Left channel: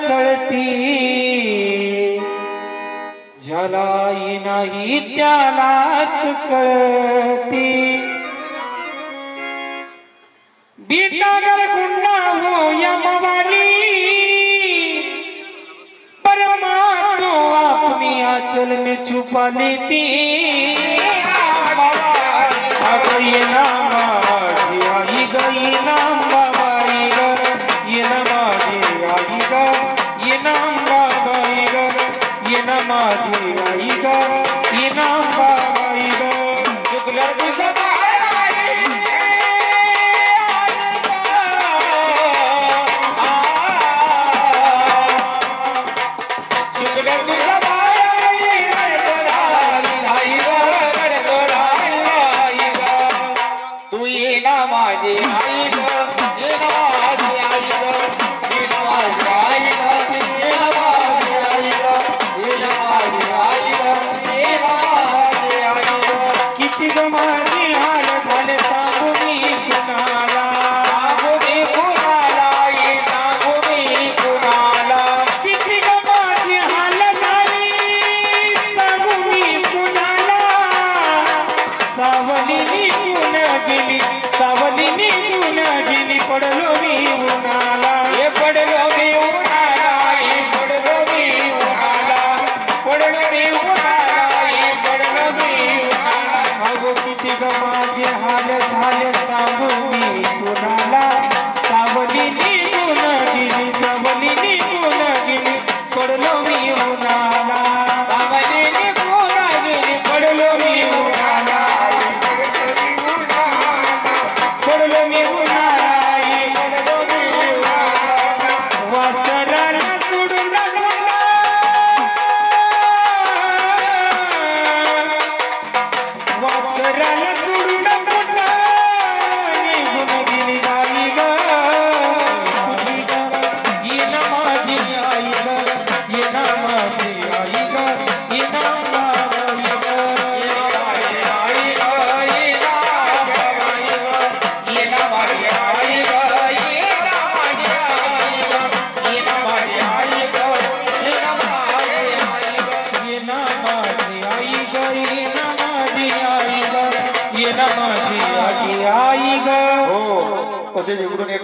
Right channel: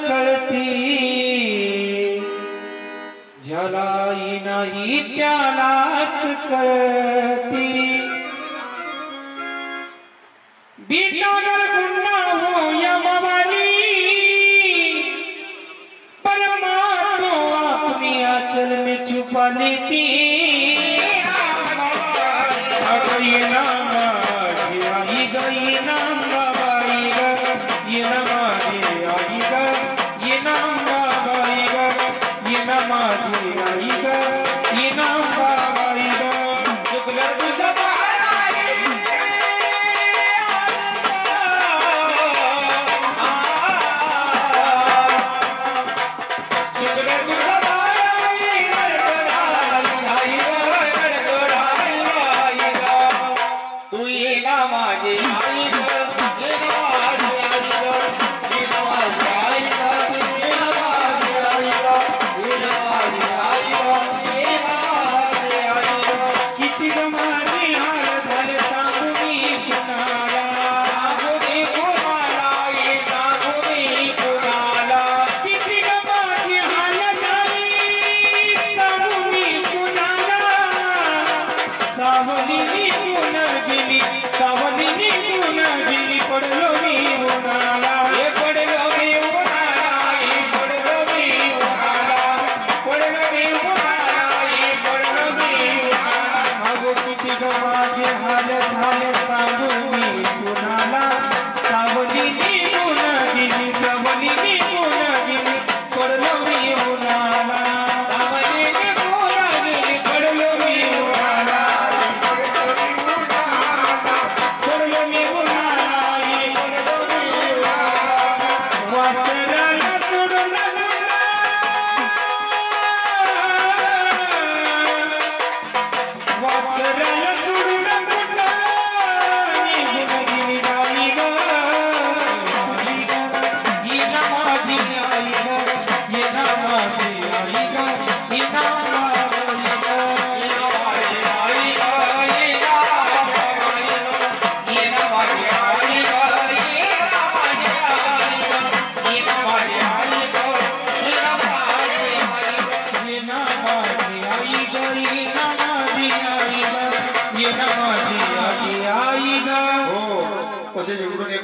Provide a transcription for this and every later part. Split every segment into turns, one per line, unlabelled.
कळती. झलाई नाही त्यालाच कळती. बीटागर गुंडा हो यमवाली परमा तो अपनी आचल में छुपा लेती ये
नाम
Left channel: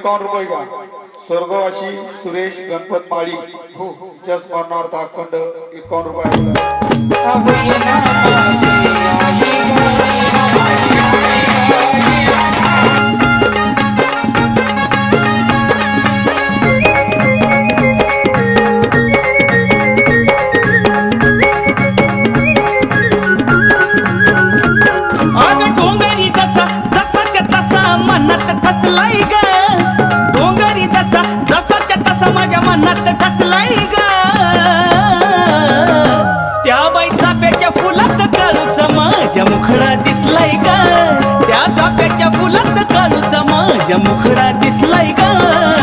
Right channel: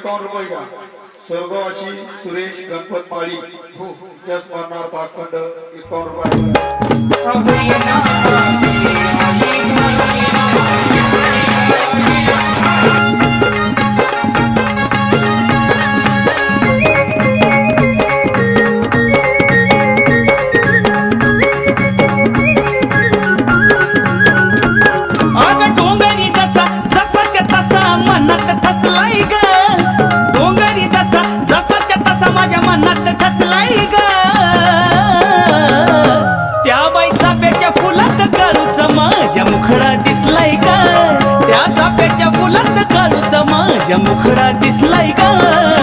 कौन रुपये स्वर्गवासी सुरेश गणपत पाळी जस स्मरणार्थ अखंड एकावन्न रुपये.
अग डोंगरी जसा तसा मनात ठसलाय ग. त्या बाई चाप्याच्या फुलात काळूच माझ्या मुखडा दिसलाय ग. त्या चाप्याच्या फुलात काळूच माझ्या मुखडा दिसलाय ग.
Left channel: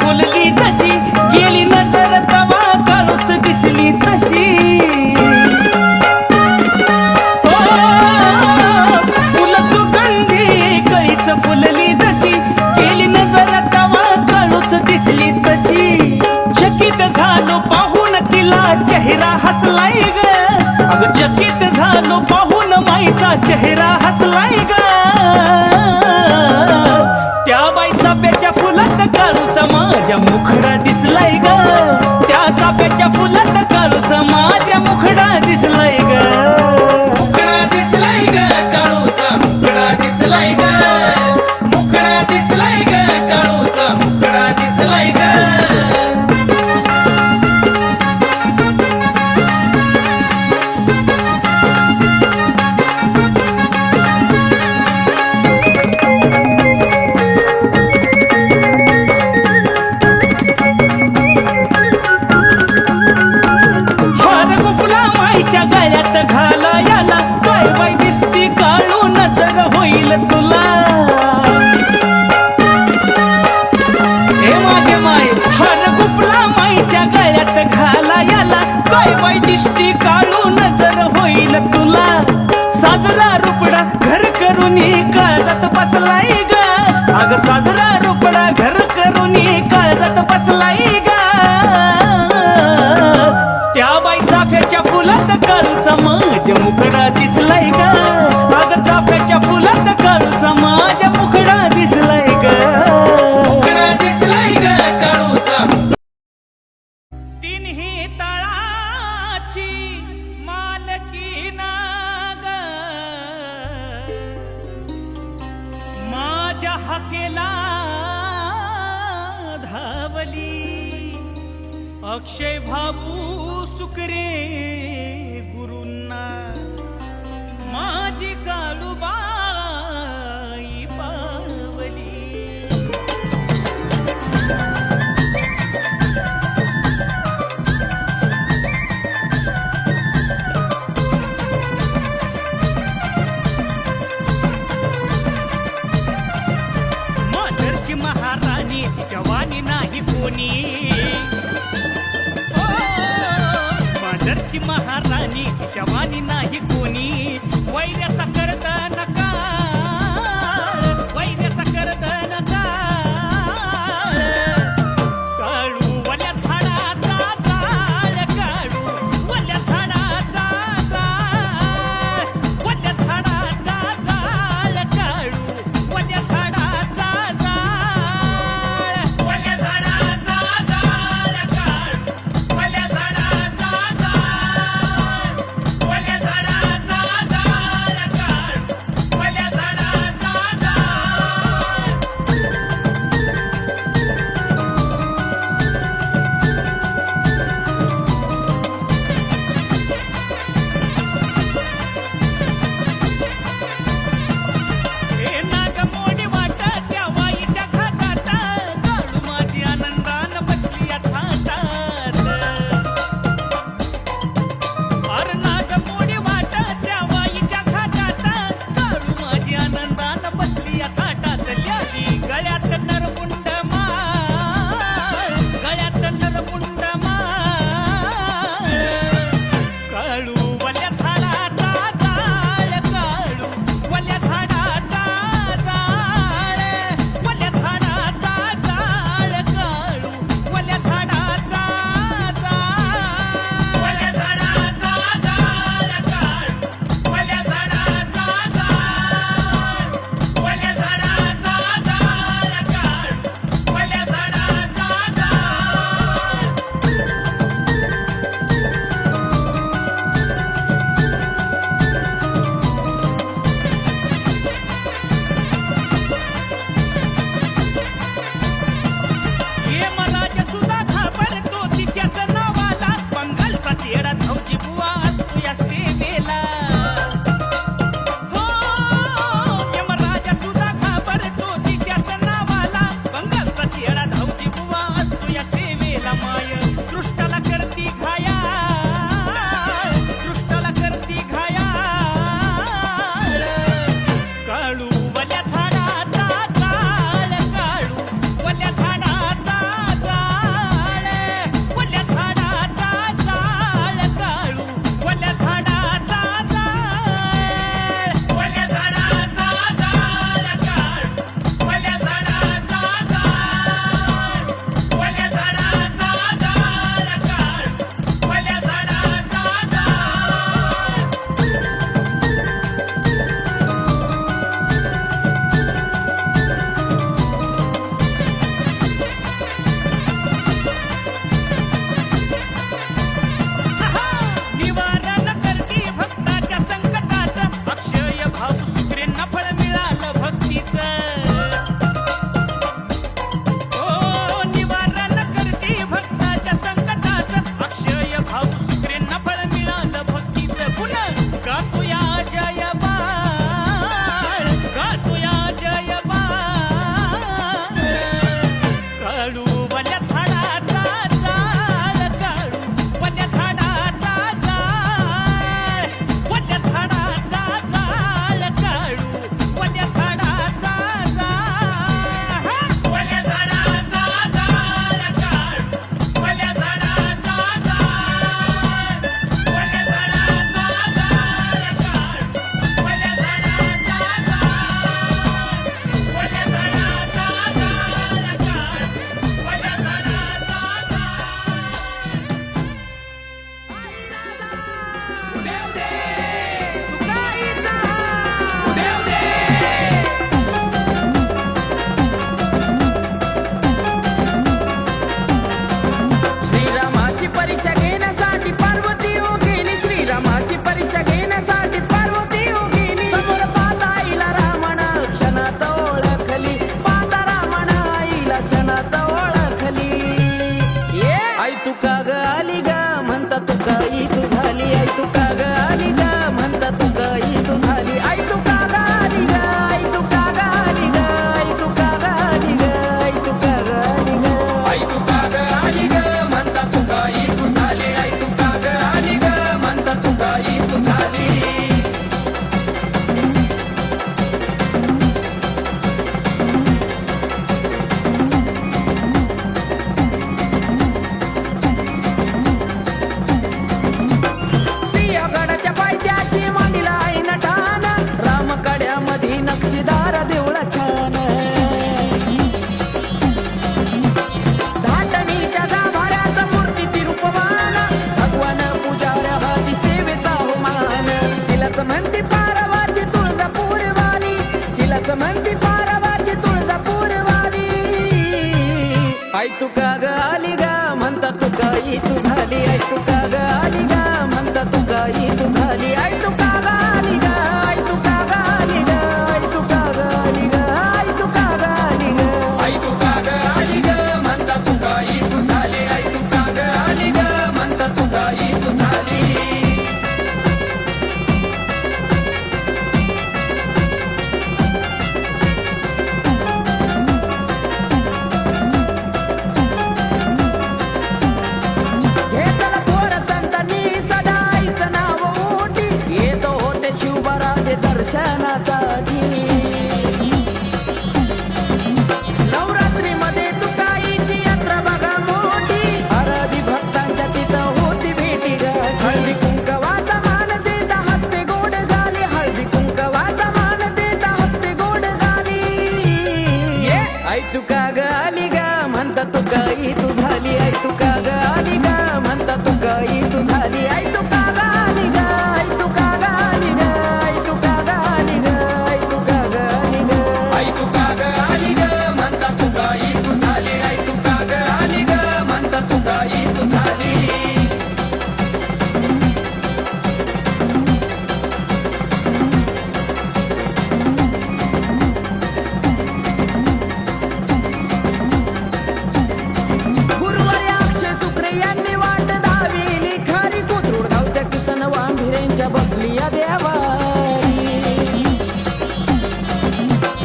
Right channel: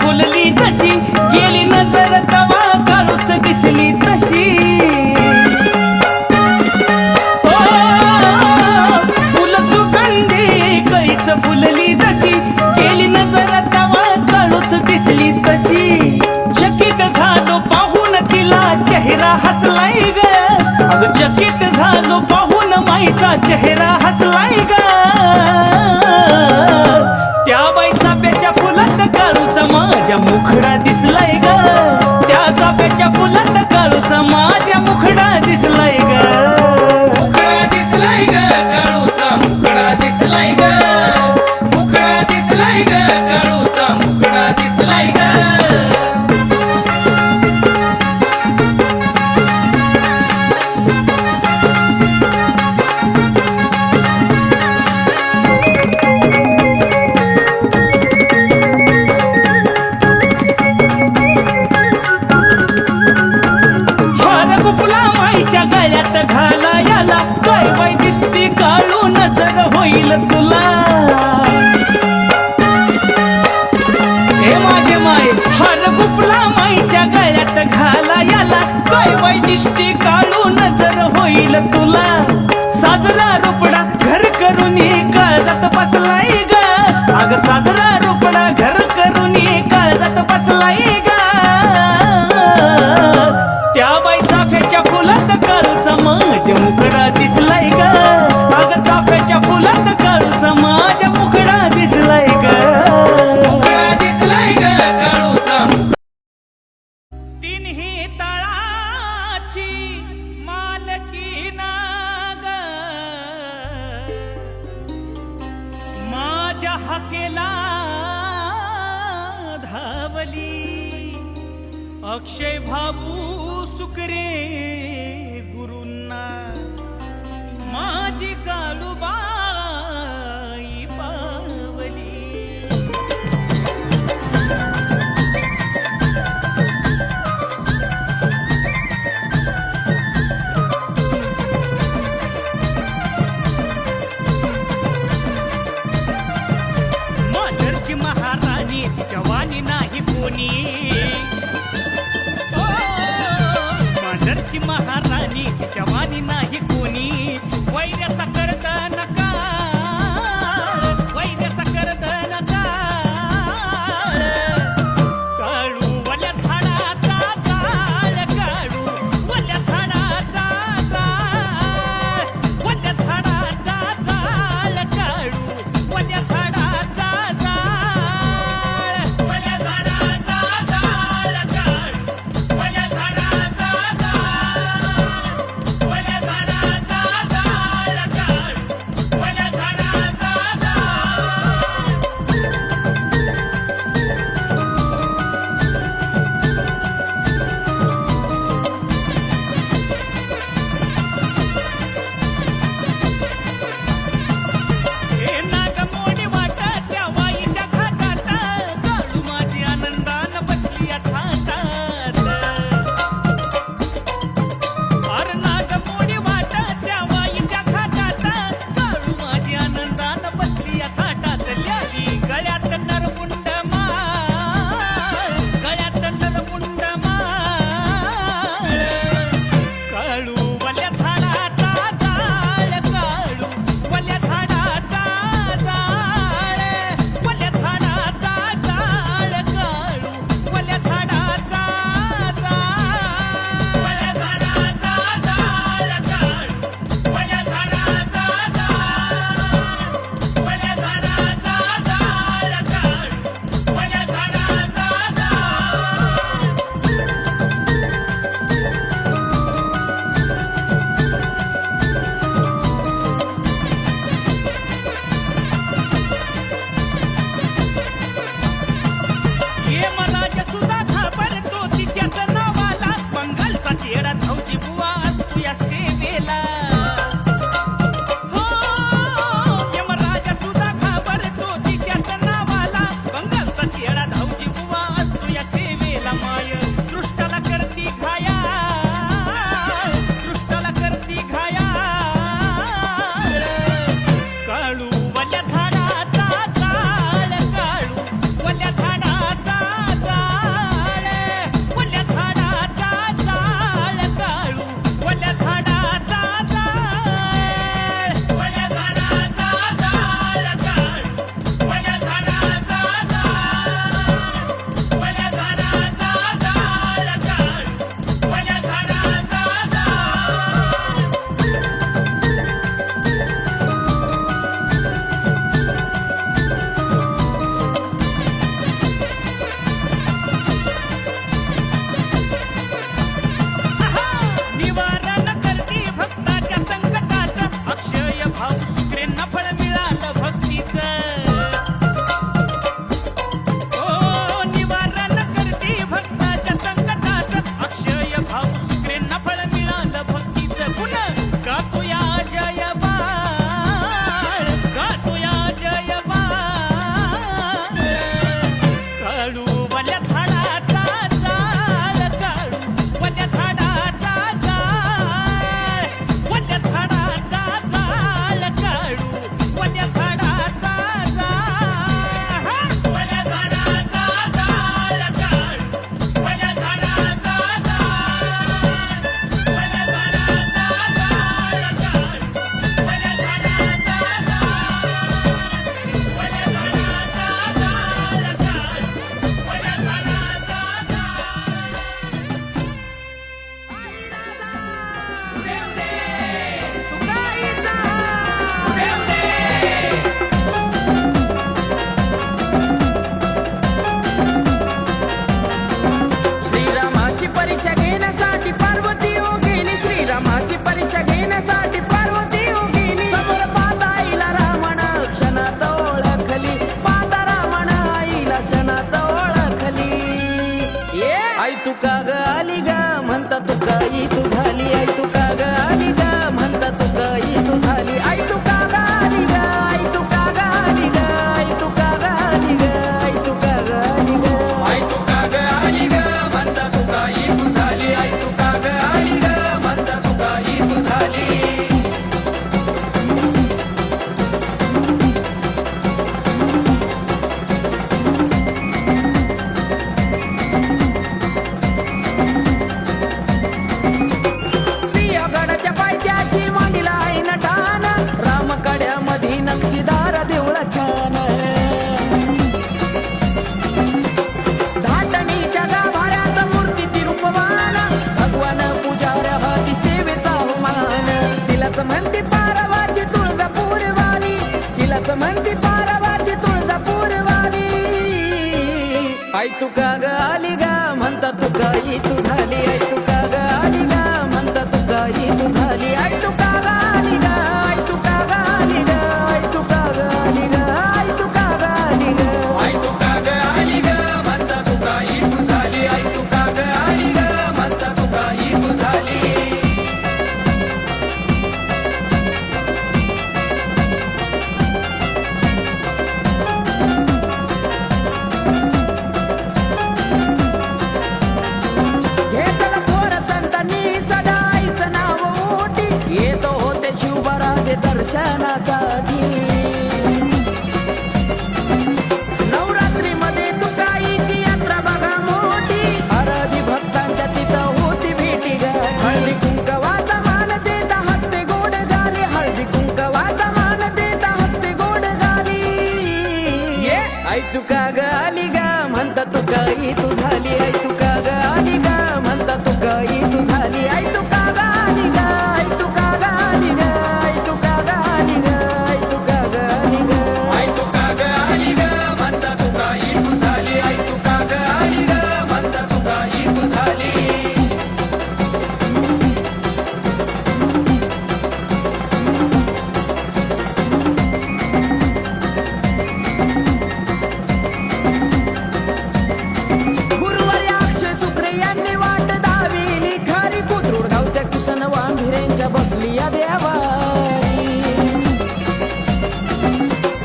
फुलली तशी गेली नजर तवा काळूच दिसली तशी. फुल सुगंधी कैच फुलली तशी गेली नजर तवा काळूच दिसली तशी. चकित झालो पाहून तिला चेहरा हसलाय ग. अग चकित झालो पाहून माईचा चेहरा हसलाय ग. saga saga. हो, महाराणी ओ महाराणी जवानी नाही कोणी.
वैर्याचा करताना 다. तू झाली आई तू आली गा म्हणता तुका ई तू झाली आई तुका ग आली गा
म्हणता तुका ई तू झाली आई तुका ग आली
आई तुका ग आली आई तुका ग आली बसली या देवारी.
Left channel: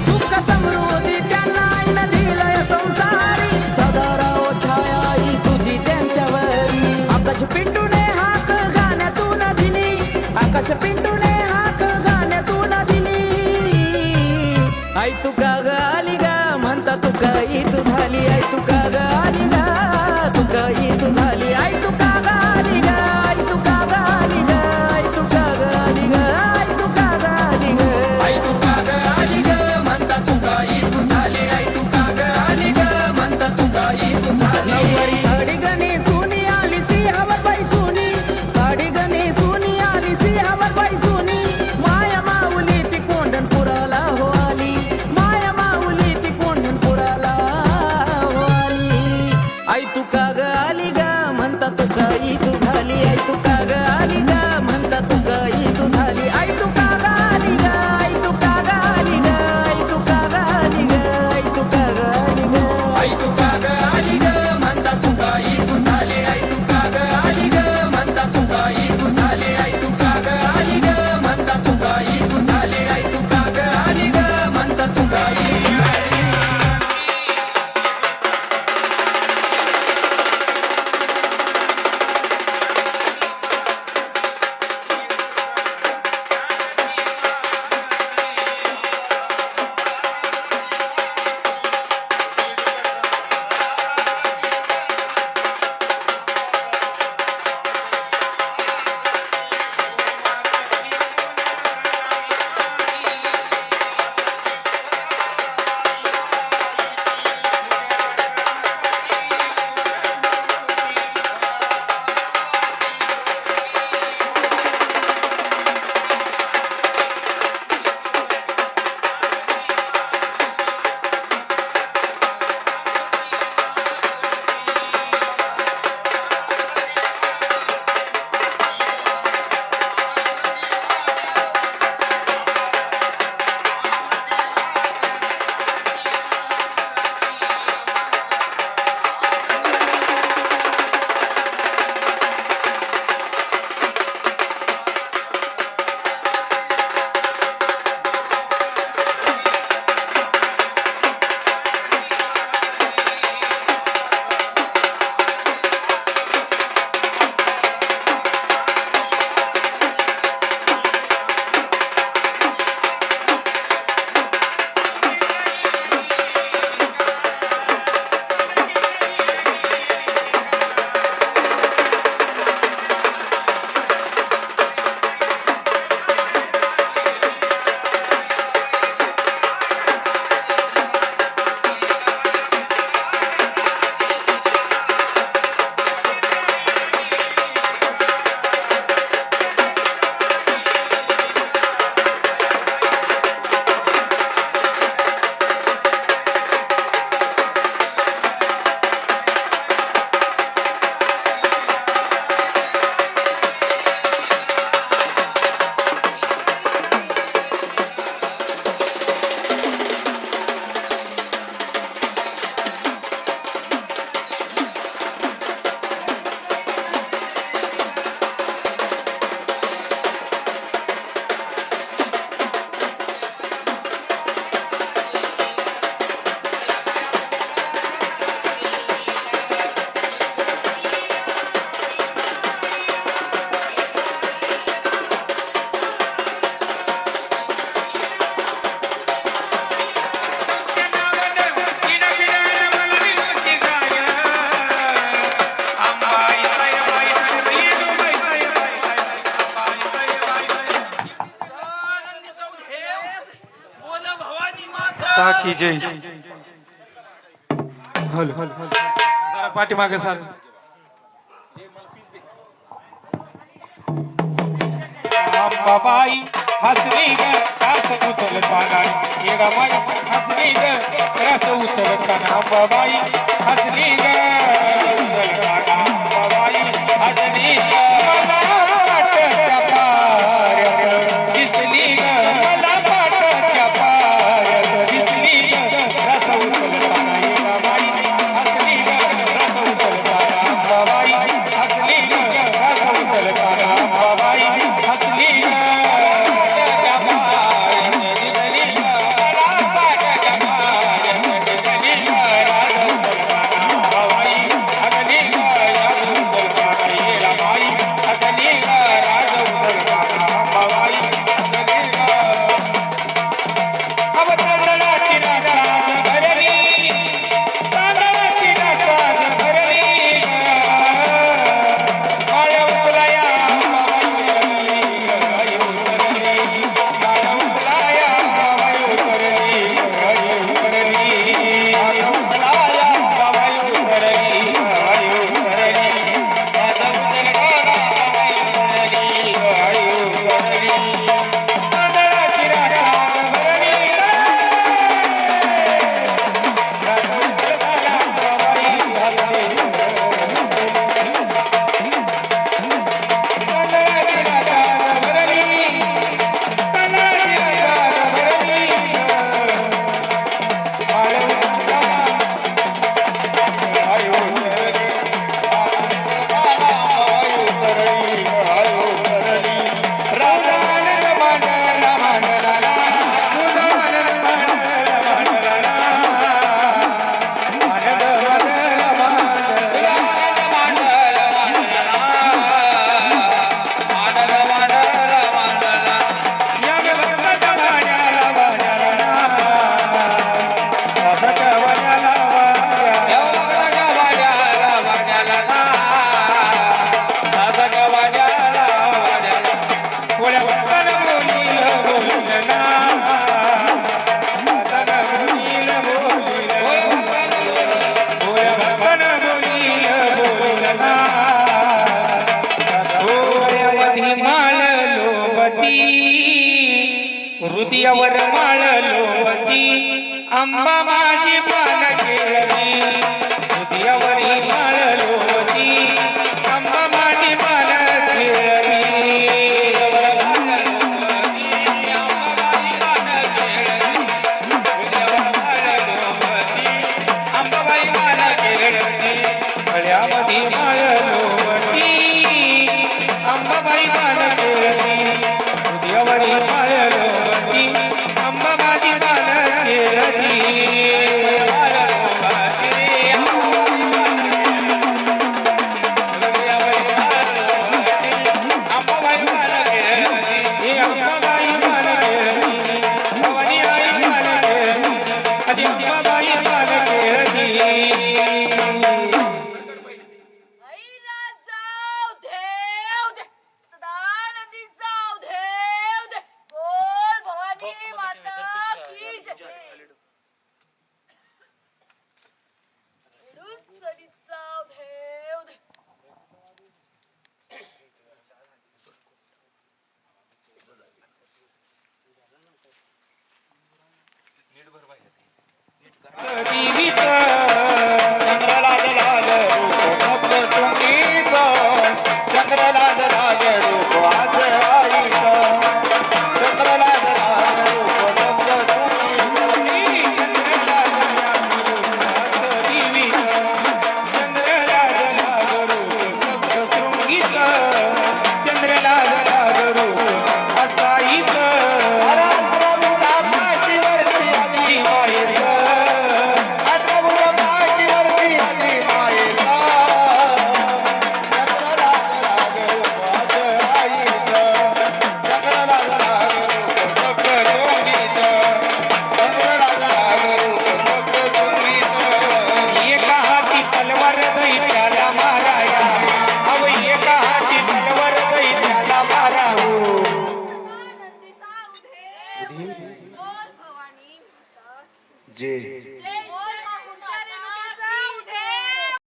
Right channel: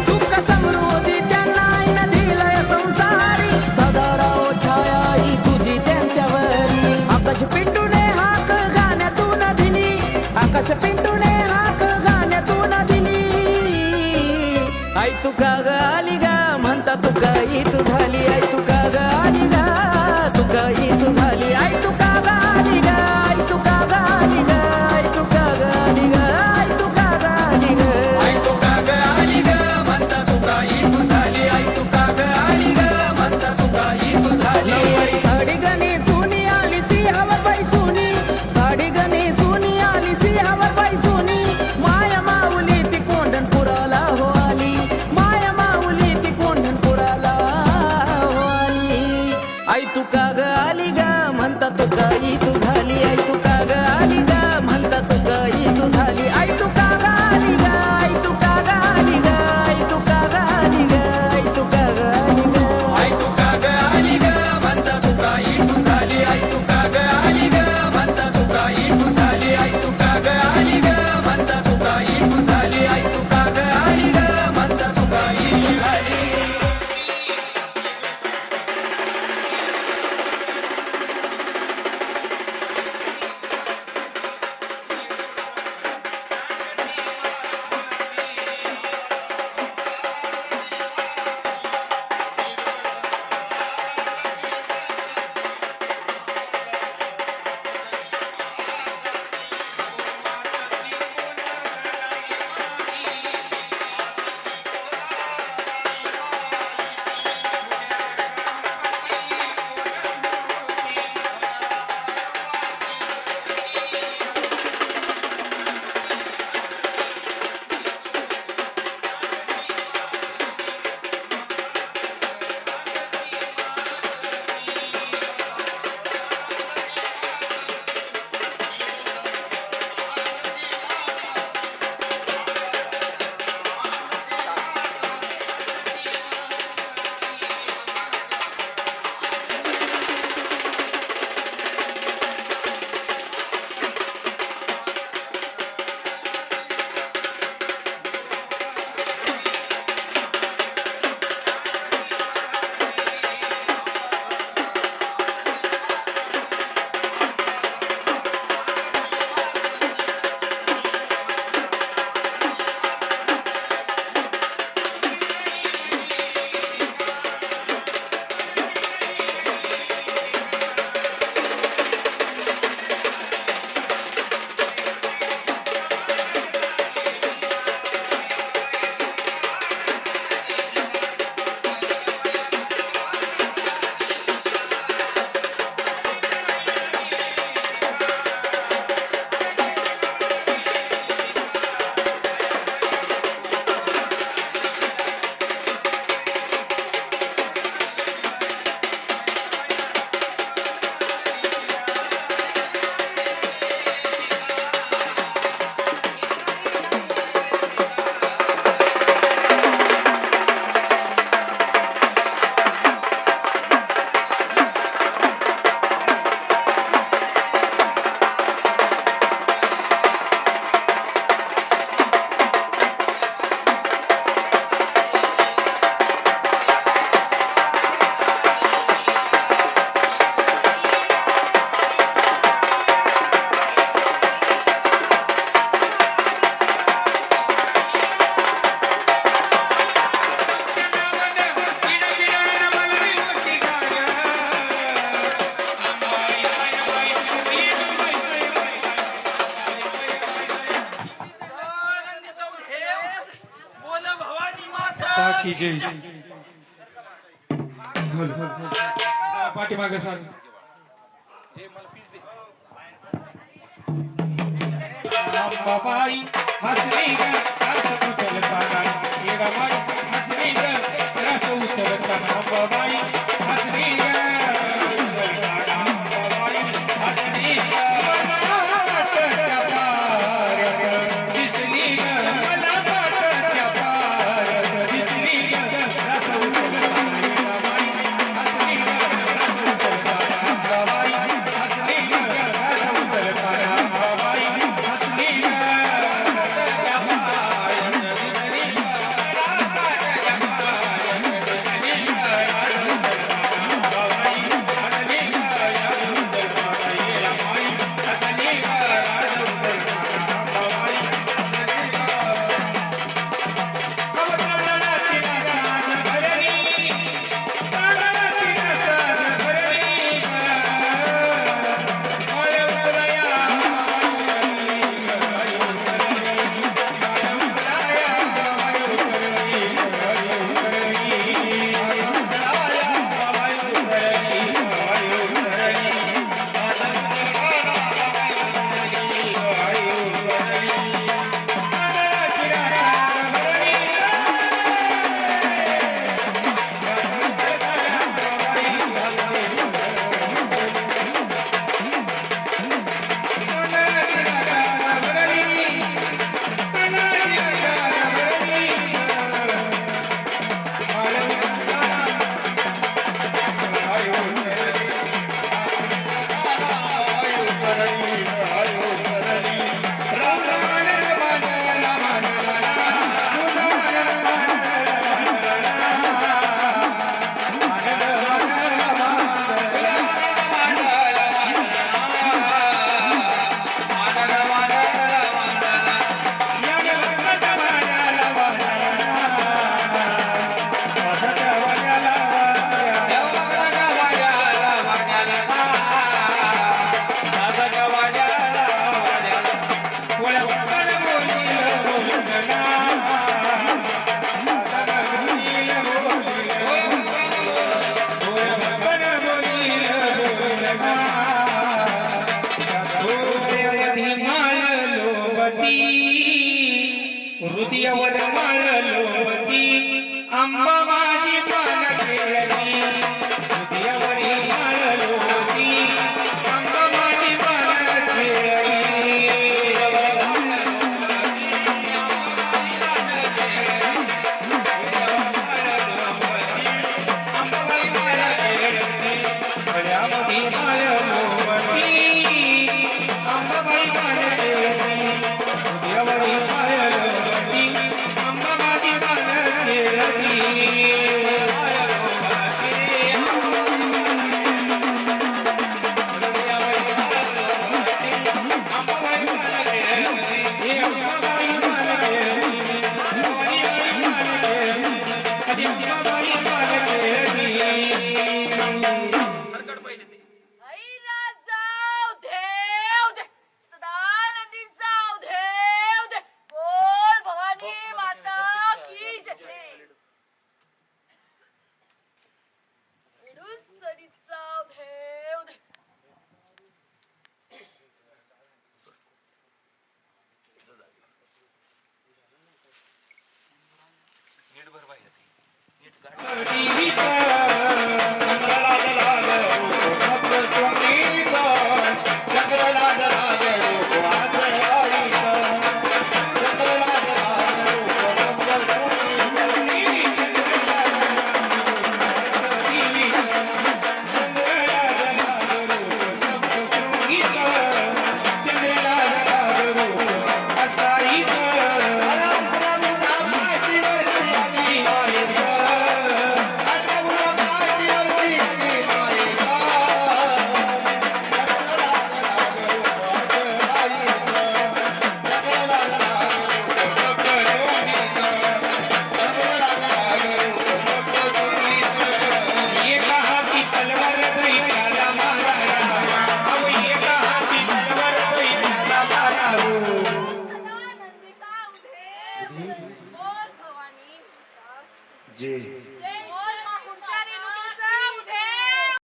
सुख समृद्धी त्यांना आईन दिलय संसारी. सदा राव छाया ही तुझी त्यांच्यावरी. आकाश पिंटूने हाक गाण्यातून दिली आकाश पिंटूने हाक गाण्यातून दिली आई चुका ग आली गा म्हणता तुका ई तू झाली. आई चुका ग आली गा तुका ई तू झाली. आई तुका ग आली
माता की जय पाठीमागे सर बाबाई हसरी गास उचल पानाई. येडा माई हसरी गास उचल पाना बाबाई हसरी गा.